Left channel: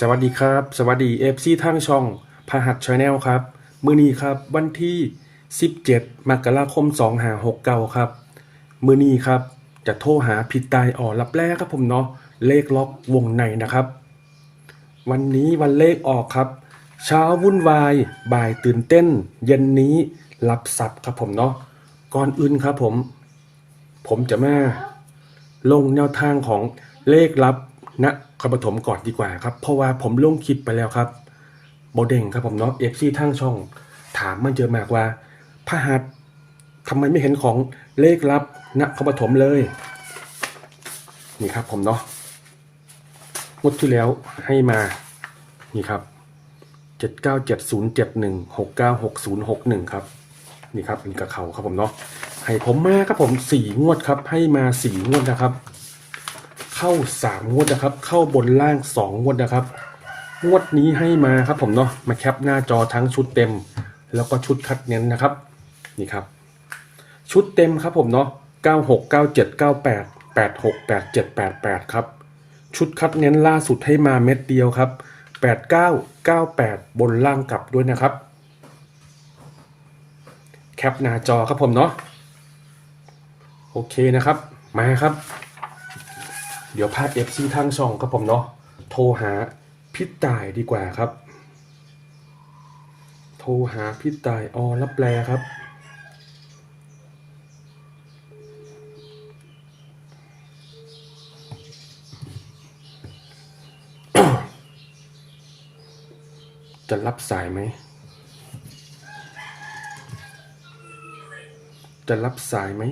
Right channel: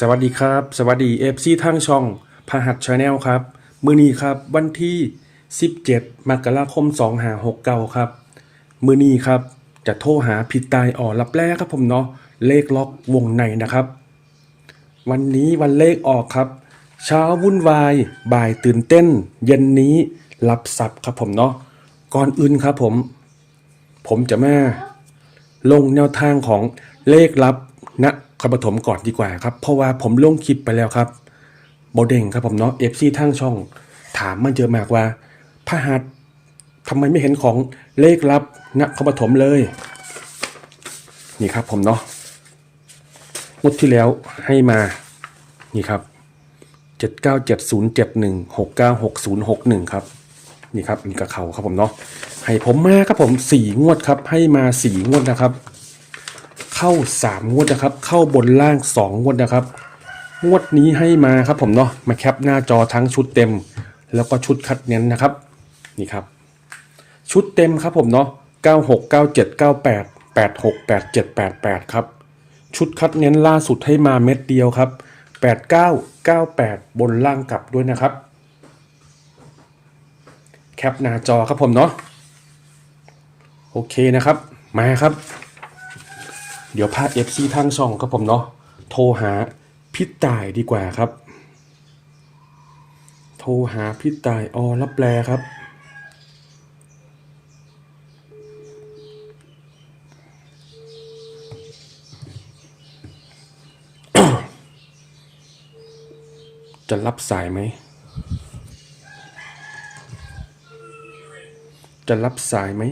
สวัสดีครับ สวัสดีเอฟซีทางช่องพหัสชาแนลครับ มือนี้ครับวันที่ 17 มกราคม2569 ครับ มือนี้ครับ จะโทรหาผิดตายอ่อรับแรกครับผมเนาะเลขล็อกวงในนะครับ วันนี้วันเลขออกครับ เช้าวุ่นวาย บ่ายตื่นเต้น เย็นนี้รับทรัพย์ครับผมเนาะก่อนอื่นครับผม ผมจะแม่ลงแนวทางของเลขลับณ คอปฐมก่อนดีกว่าครับ เพราะว่าผมลงคลิปไปแล้วครับโบเด้งครับผมเนาะเอฟซีทางช่อง ถามมาเจอมากว่าพระหัสทำไมไม่เห็นของเลขลับณคอปฐมเลย นี่ครับผมเนาะงวดที่แล้วให้มา นี่ครับเจ็ดเก้าเจ็ดศูนย์เจ็ดหนึ่งหกเก้าหกศูนย์หกหนึ่งครับนี่ครับนี่กับเขาครับผมเนาะให้ผมมาครับผมสี่งวดครับ ให้มาสี่งวดนะครับ เข้าสามงวดนะครับ เข้าบนล่างสองงวดนะครับ งวดนี้ให้มาครับผมเนาะมาแคปหน้าจอทั้งชุดเต็ม แล้วก็ชุดคัดเน้นนะครับนี่ครับ ชุดเต็มครับผมเนาะ96 97 98 86 87 88ครับชุดคัดเน้นล่าสุดให้มาเม็ดเดียวครับ 89 98 บนล่างกลับด้วยนะครับ แคปหน้าจอครับผมเนาะโอเคนะครับ มาครับ เดี๋ยวพาด FC ทางช่องครับผมเนาะโทรหาพี่ตายดีกว่าครับ โทรหาพี่ตายออรับแปลครับจะรับสายไหม จะรับสายไหม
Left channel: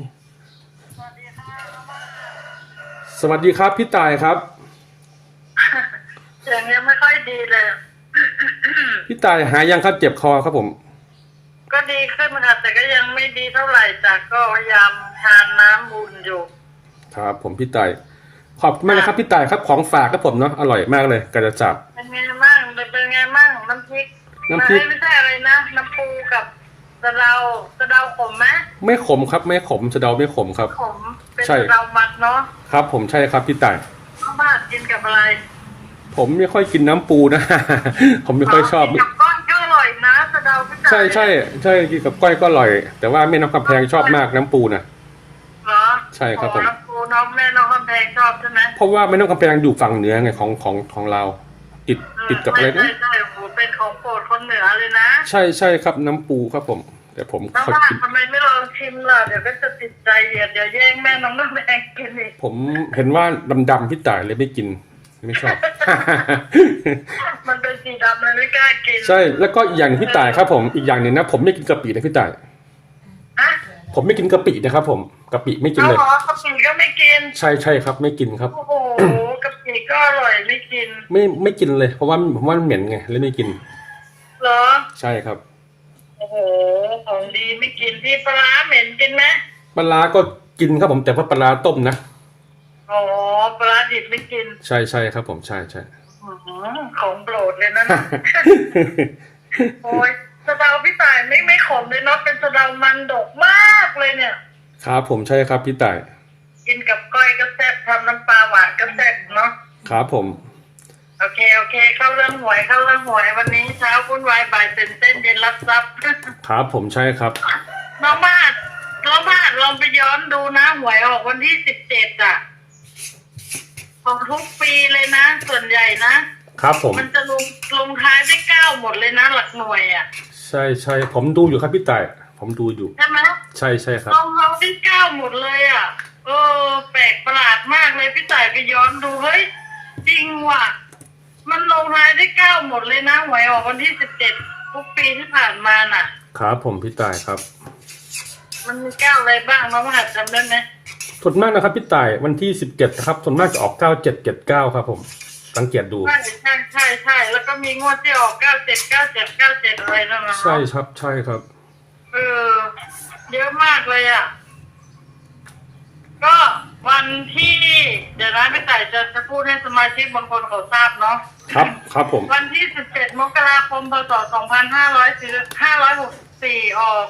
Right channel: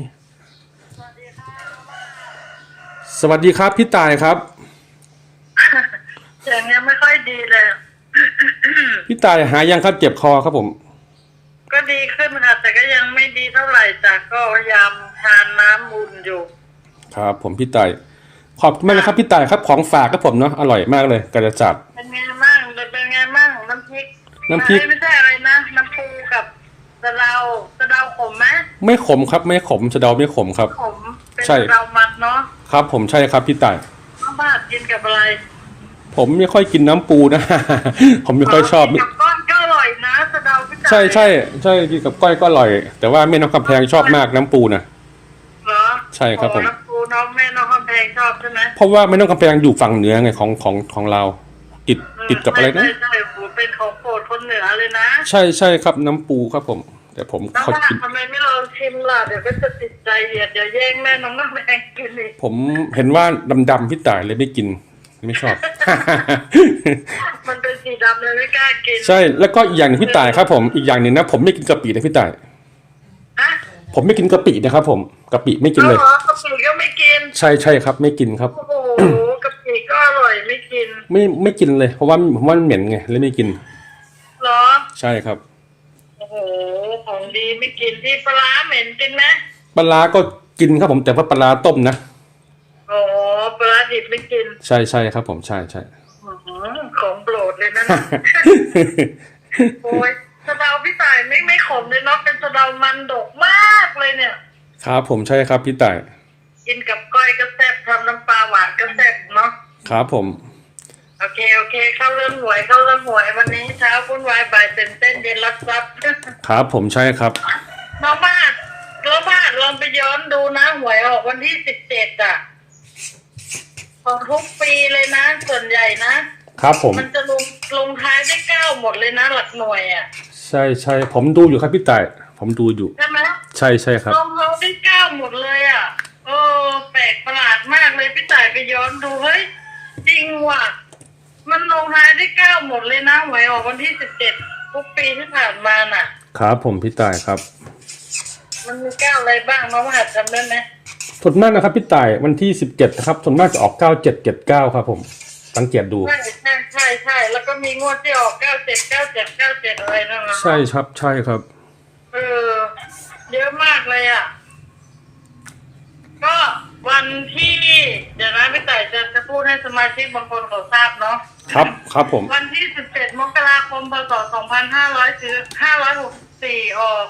สวัสดีครับพี่ตายครับเสียงยังไม่ค่อยดีเลย พี่ตายหายังครับเจ็บคอครับผม ก็ดีขึ้นค่ะแต่ก็ยังไม่ดีเท่าไหร่จ้ะก็พยายามทานน้ำบุญอยู่ ครับผมพี่ตายขอบคุณมากนะครับพี่ตายครับของฝากครับผมเนาะอร่อยมากเลยกระจับเป็นไงมั่งเป็นไงมั่งน้ำพริกน้ำพริกไม่ใช่อะไรนะน้ำปูกับ สะเดาสะเดาขมไหมไม่ขมครับ ไม่ขมจะเดาไม่ขมครับ ขมเป็นใช่ สะเดามัดเนาะครับ ผมใช่ครับพี่ตาย ข้าวบ้านกินกับอะไรผมไม่ค่อยกินน้ำปูนะ ผมไม่ค่อยชอบ กินกับก้อนก็อร่อยนะสะเดาพี่จ๋าใช่ใช่ใช่กินกับก้อยก็อร่อย แต่ว่าแม่น้องกำแพงชอบมากน้ำปูนะ เหรอใช่ครับผม โอ้น้ำปูน้องแม่น้องคำแพงชอบใช่ไหมเพราะว่าแม่น้องกำแพงอยู่ฝั่งเหนือไงของของของเรา ติดติดกับอะไรนะ ใช่ใช่โอ้โห เป็นของโปรดคนเหนือเลยนะใช่ใช่ครับน้ำปูครับผมแต่ผมแล้วขอว่ากินทำไมไม่ลองชิมล่ะเดี๋ยวก็จะติดใจเดี๋ยวเดี๋ยวแย่งแม่น้องน้ำแดงกินอีกผมเห็นว่าดำๆพี่ตายเลยไม่กินไม่ชอบ มันเป็นสีดำเลยไม่กล้ากินใช่แล้วก็อีกอย่างหนึ่งพี่ตายครับ ผมอีกอย่างหนึ่งนะผมไม่กินกะปินะพี่ตาย ฮะผมไม่กินกะปินะครับ ผมกะปิไม่กินเอาเลย เหรอกะปิก็ไม่กินใช่ใช่ครับ ไม่กินครับ โอ้โห กะปิก็อร่อยไม่กินไม่ไม่กินเลย เพราะว่าผมว่ามันเหม็นไงเลยไม่กินเหรอ ใช่ครับ โอ้โห ของดีไม่กินที่ปลาร้าเหม็นกินไหมปลาร้าก็กินครับผมแต่ว่าปลาร้าต้มนะอ๋อปลาร้าดิบไม่กินใช่ใช่ครับ ผมใช่ใช่อื้อหือของโปรดเลยนะนะโอ้ยสะเดาพี่ต่ายไม่ไม่ขมเลยเนาะเป็นสะเดามันดกมากเลยเนี่ย ครับผมใช่ครับพี่ต่าย กินกับก้อยก็แซ่บทำน้ำปลาหวานก็แซ่บเนาะครับผม โอเคโอเค เข้าเรื่องหวยเข้าเรื่องหวยวันนี้เช้าวุ่นวายบ่ายตื่นเต้นเย็นรับทรัพย์ ครับผมใช่ครับ น้องมาดน้องมาดลองไปย้อนดูนะหวยออกวันที่สิบเจ็ดอะ ของทุกปีเลยนะ ส่วนใหญ่นะครับผม มันจะลงลงท้ายด้วยเก้าหมดเลยนะหลักหน่วยอะใช่ใช่ผมดูอยู่ครับพี่ต่ายผมดูอยู่ ใช่ไหมใช่ใช่ครับ ลงเขาด้วยเก้าหมดเลยอะ เออ แปลกประหลาดมากเลยพี่ต่ายก็ย้อนดูเฮ้ยจริงว่ะ มันลงท้ายด้วยเก้าหมดเลยนะหวยออกวันที่สิบเจ็ดทุกปีที่ผ่านมาน่ะ ครับผมพี่ต่ายครับมันมีเก้าอะไรบ้างน้องหัดจำได้ไหมส่วนมากนะครับพี่ต่ายวันที่สิบเจ็ดครับส่วนมากจะออกเก้าเจ็ดเจ็ดเก้าครับผมสังเกตดู ใช่ใช่ใช่ใช่แล้วก็มีงวดที่ออกเก้าเจ็ดเก้าเจ็ดเก้าเจ็ดอะไรนั่นนะใช่ครับใช่ครับ เออเยอะมากเลยอะ ก็วันที่เดี๋ยวนะพี่ต่ายจะจะพูดให้สมาชิกบางคนเขาทราบเนาะครับครับผม วันที่ 17 มกราคมพศ2564 ออก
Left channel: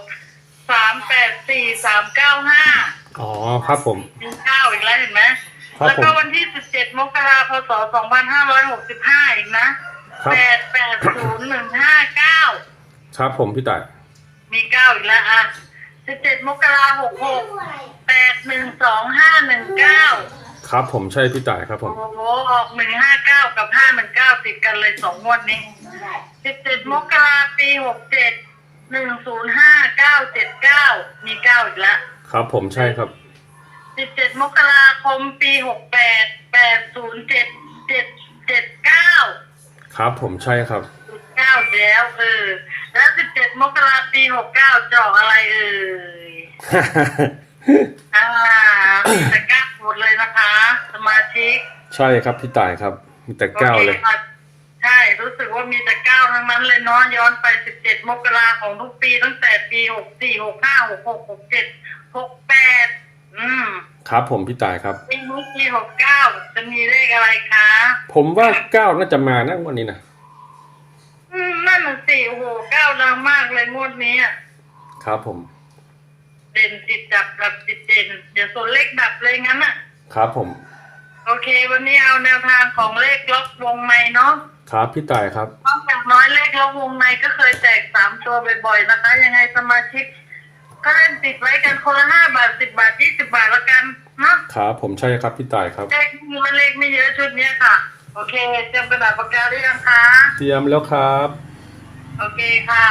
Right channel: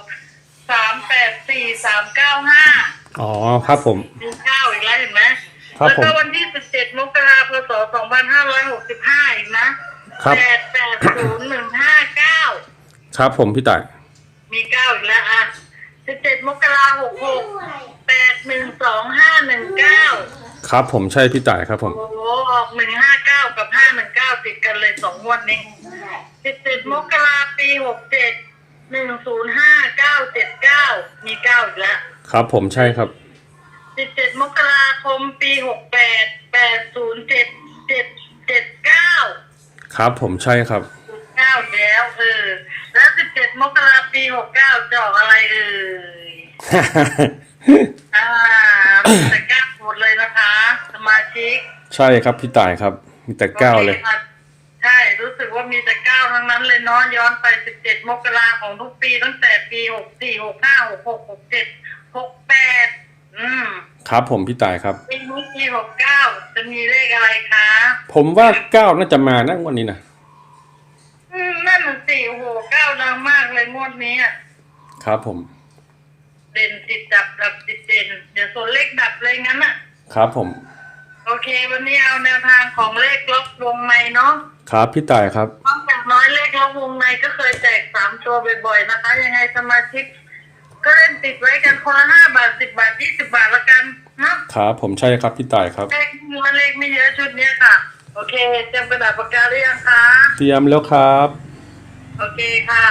384 395 อ๋อครับผมมีเก้าอีกแล้วเห็นไหมครับแล้วผม ก็วันที่ 17 มกราคมพศ2565 อีกนะ ครับแปดแปดศูนย์หนึ่งห้าเก้าครับผมพี่ต่ายมีเก้าอีกแล้วอะ 17มกราหกหกแปดหนึ่งสองห้าหนึ่งเก้าครับผมใช่พี่ต่ายครับผมโอ้โหออกหนึ่งห้าเก้ากับห้าหนึ่งเก้าติดกันเลยสองงวดนี้สิบเจ็ดมกราปีหกเจ็ดหนึ่งศูนย์ห้าเก้าเจ็ดเก้ามีเก้าอีกแล้วครับผมใช่ครับ สิบเจ็ดมกราคมปีหกแปดแปดศูนย์เจ็ดเจ็ดเจ็ดเก้า ครับผมใช่ครับ เก้าแล้วเออ แล้วสิบเจ็ดมกราปีหกเก้าจอกอะไรเอ่ยอ่ามีแต่เก้าหมดเลยนะคะ สมาชิกใช่ครับพี่ต่ายครับ มีแต่เก้าเลย โอคค่ะใช่รู้สึกว่ามีแต่เก้าทั้งนั้นเลยเนาะย้อนไป17มกราของทุกปีตั้งแต่ปี64 65 66 67 68อืมครับผมพี่ต่ายครับ ปีนี้ปี69จะมีเลขอะไรคะ ผมว่าเก้าน่าจะมานะงวันนี้นะ อืมนั่นน่ะสิโอ้โหเก้าดังมากเลยงวดนี้อะครับผม เด่นติดดับดับติดเด่นเดี๋ยวส่วนเลขดับเลยงั้นอะ ครับผม โอเค วันนี้เอาแนวทางของเลขล็อกวงในเนาะครับพี่ต่ายครับ นอกจากน้อยเลขล็อกวงในก็เคยแจกสามตัวบ่อยๆนะคะ ยังไงสมาชิก ก็เล่นติดไว้กันคนละห้าบาทสิบบาทยี่สิบาทละกันเนาะครับผมใช่ครับพี่ต่ายครับ เลขนี้มันเลขไม่เยอะชุดเนี้ยค่ะ โอเคเตรียมกระดาษปากกาหรือยังคะเตรียมแล้วครับ โอเคค่ะ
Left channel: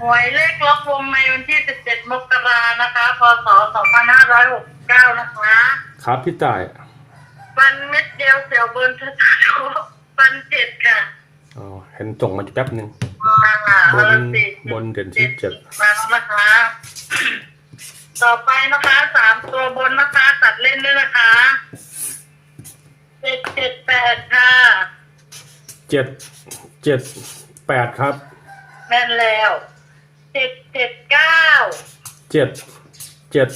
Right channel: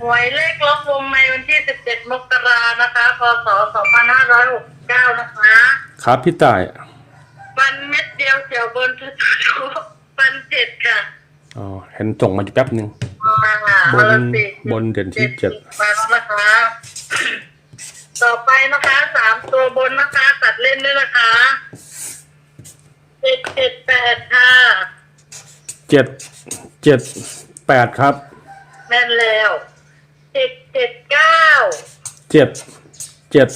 หวยเลขล็อกวงในวันที่สิบเจ็ดมกรานะคะพศสองพันห้าร้อยหกสิบเก้านะคะ ครับพี่ต่ายวันเม็ดเดียวเสี่ยวบนทุกปันเจ็ดค่ะอ๋อเห็นส่งมาอยู่แป๊บหนึ่งมาค่ะบนวันละสิบนเด่นที่เจ็ดมาแล้วนะคะ ต่อไปนะคะสามตัวบนนะคะ ตัดเล่นด้วยนะคะเจ็ดเจ็ ดแปดค่ะเจ็ดเจ็ดแปดครับแม่นแล้วเจ็ดเจ็ดเก้าเจ็ดเจ็ด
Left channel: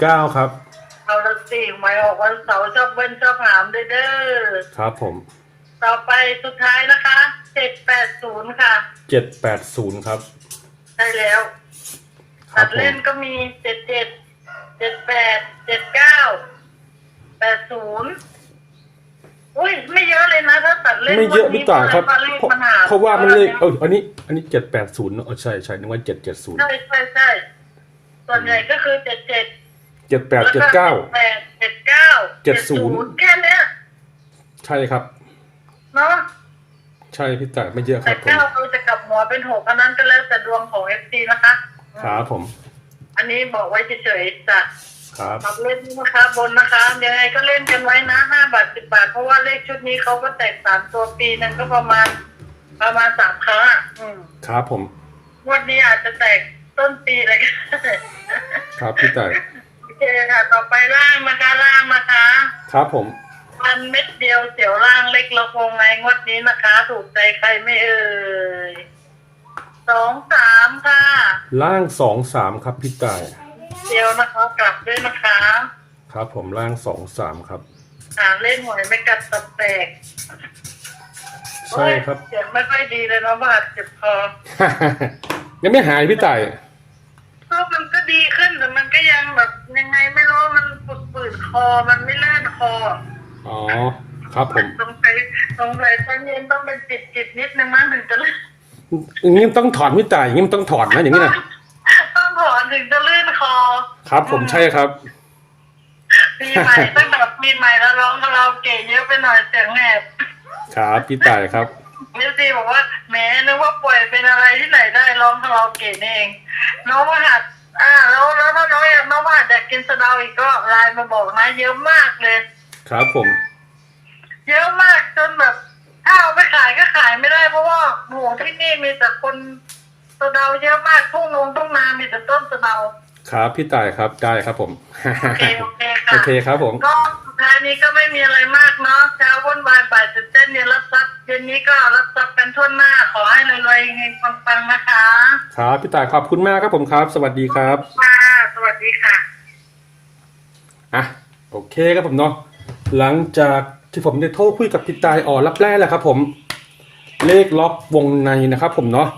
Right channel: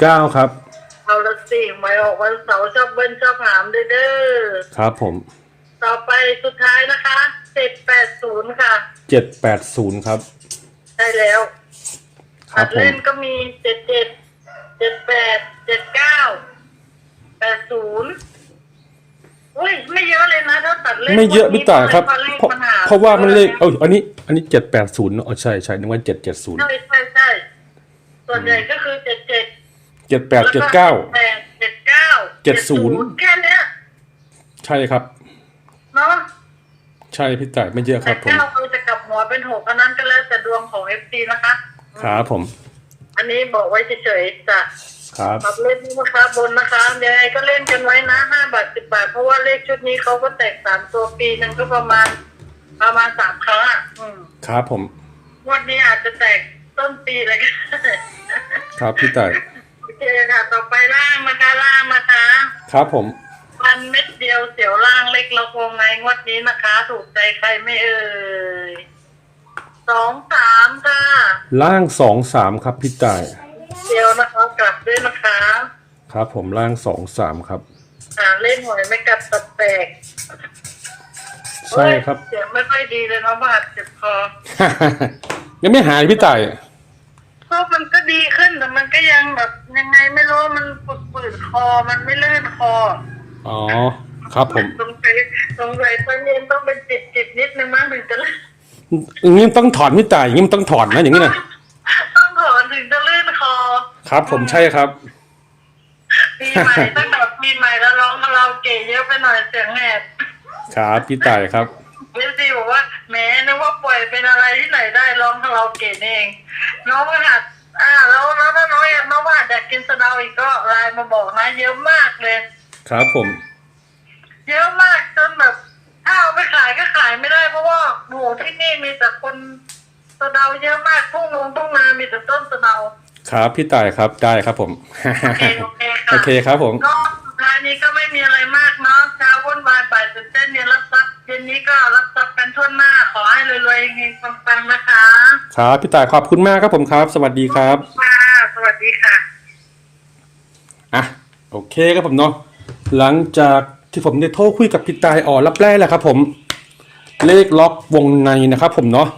เก้าครับ เอาละสิหมายออกวันเสาร์ชอบเบิ้ลชอบหามเด้อเด้อครับผมต่อไปสุดท้ายนะคะเจ็ดแปดศูนย์ค่ะเจ็ดแปดศูนย์ครับได้แล้วครัตับดผมเล่นก็มีเจ็ดเจ็ดเจ็ดแปดเจ็ดเก้าแปดศูนย์อุ้ยไม่เยอะเลยนะถ้าตัดเล่น ไม่เยอะวันนี้พี่ต่ายครับ เพราะเลขเพราะปัญหาเพราะว่ามันเลขเอออันนี้ อันนี้เจ็ดแปดศูนย์เนอะอ๋อใช่ใช่นึกว่าเจ็ดเจ็ดศูนย์ใช่ใช่ใช่ส่วนใหญ่ก็คือเจ็ดเจ็ดเจ็ดแปดเจ็ดเก้าแปดเจ็ดเก้าเจ็ดศูนย์แค่เนี้ยใช่ครับเนาะใช่พี่ต่ายไม่เยอะคแต่รับผมเก้าเราจะกลับหัวเป็นหกอันนั้นก็แล้วแต่ดวงของเอฟซีนะคะ ครับผม อันนี้บอกไว้เฉยๆจ้ะ ครับปรับเล่นนะคะบนนะคะยังไงก็เล่นกันไว้นะห้าบาทสิบบาท เพราะว่าเลขชุดนี้เขาก็แตกสามตัวปีหนึ่งก็ประมาณ ประมาณสามครั้งอะอืมครับผม งวันนี้อาจจะแตกต้นปีเลยก็ได้ครับพี่ต่ายโอเคค่ะ ต่อไปล่างนะคะล่างนะคะ ครับผม มันเม็ดเดียวเสียวล่างเล็กเราคงไงงวดนี้นะคะ ถูกใจใครไม่เอ่ยสองสามค่ะ ล่างสองสามครับพี่ต่าย เดียวนะคะกลับด้วยนะคะครับผมล่างสองสามครับ หาเล่นหวยไม่กัดตัดแตกใช่ครับเสียงไม่ค่อยดีเลยเนาะบาดเจ็บคอยังไม่หายพี่ต่ายก็มันก็ดีขึ้นแต่มันก็ยังแบบยังไงไม่รู้มันปวดปืดคอมันไม่ลื่นคออ๋อครับผมสงสัยสงสัยตอนเย็นต้องเป็นจิตจิตนิดนึงมั้งถึงจะลื่นอย่างนี้ต้องถอนพี่ต่ายอย่างนี้มันต้องถอนนะอย่างนี้นะต้องถอนถึงจะลื่น คอครับผมใช่ครับปีใหม่ตั้งแต่ปีใหม่แล้วร้องคาราโอเกะเยอะไปหน่อยเสียงแหบครับพี่ต่ายครับเอฟซีบอกว่าแหมนึกว่าป่วยเป็นอะไรที่ไหนได้ร้องคาราโอเกะนี่เอง น้องว่าหัดอ่าแล้วแล้วถ้าน้องอยากน้องว่าหัดอยากกินสะเดาอีกก็ไลน์มาบอกนะเยอะมากเลย ครับผม เยอะมากจนแบบถ้าเอาไปขายก็ขายไม่ได้เพราะว่าโหที่นี่มีแต่คนสะเดาเยอะมากทุ่งนงทุ่งนามีแต่ต้นสะเดา ครับพี่ต่ายครับได้ครับผม โอเคโอเคค่ะโอเคครับผม ก็สุดท้ายนี้ก็ไม่มีอะไรมากเนาะเช้าวุ่นวายบ่ายตื่นเต้นเย็นรับทรัพย์เย็นนี้ก็รับทรัพย์กันทั่วหน้าขอให้รวยๆเฮงๆปังๆนะคะครับพี่ต่ายขอบคุณมากครับผมครับ สวัสดีครับ ค่ะสวัสดีค่ะ อะโอเคครับผมเนาะหลังจากที่ผมได้โทรคุยกับพี่ตายอ๋อรับแรกแหละครับผม เลขล็อกวงในนะครับผมเนาะ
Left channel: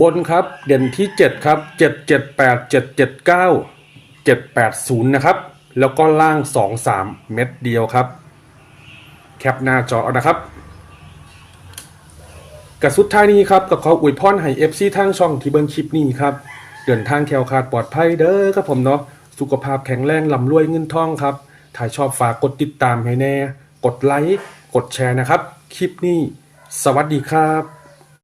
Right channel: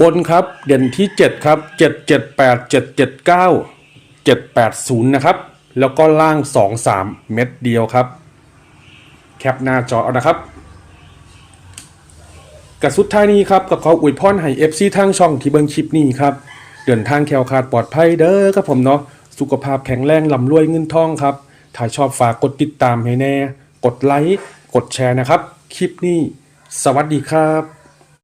บนครับเด่นที่ 7 ครับ 7 7 8 7 7 9 7 8 0 นะครับ แล้วก็ล่าง 2 3 เม็ดเดียวครับ แคปหน้าจอเอานะครับกับสุดท้ายนี้ครับกับขออวยพรให้ FC ทางช่องที่เบิ่งคลิปนี้ครับ เดินทางแควคาดปลอดภัยเด้อครับผมเนาะสุขภาพแข็งแรงลำรวยเงินทองครับ ถ้าชอบฝากกดติดตามให้แน่ กดไลค์ กดแชร์นะครับ คลิปนี้ สวัสดีครับ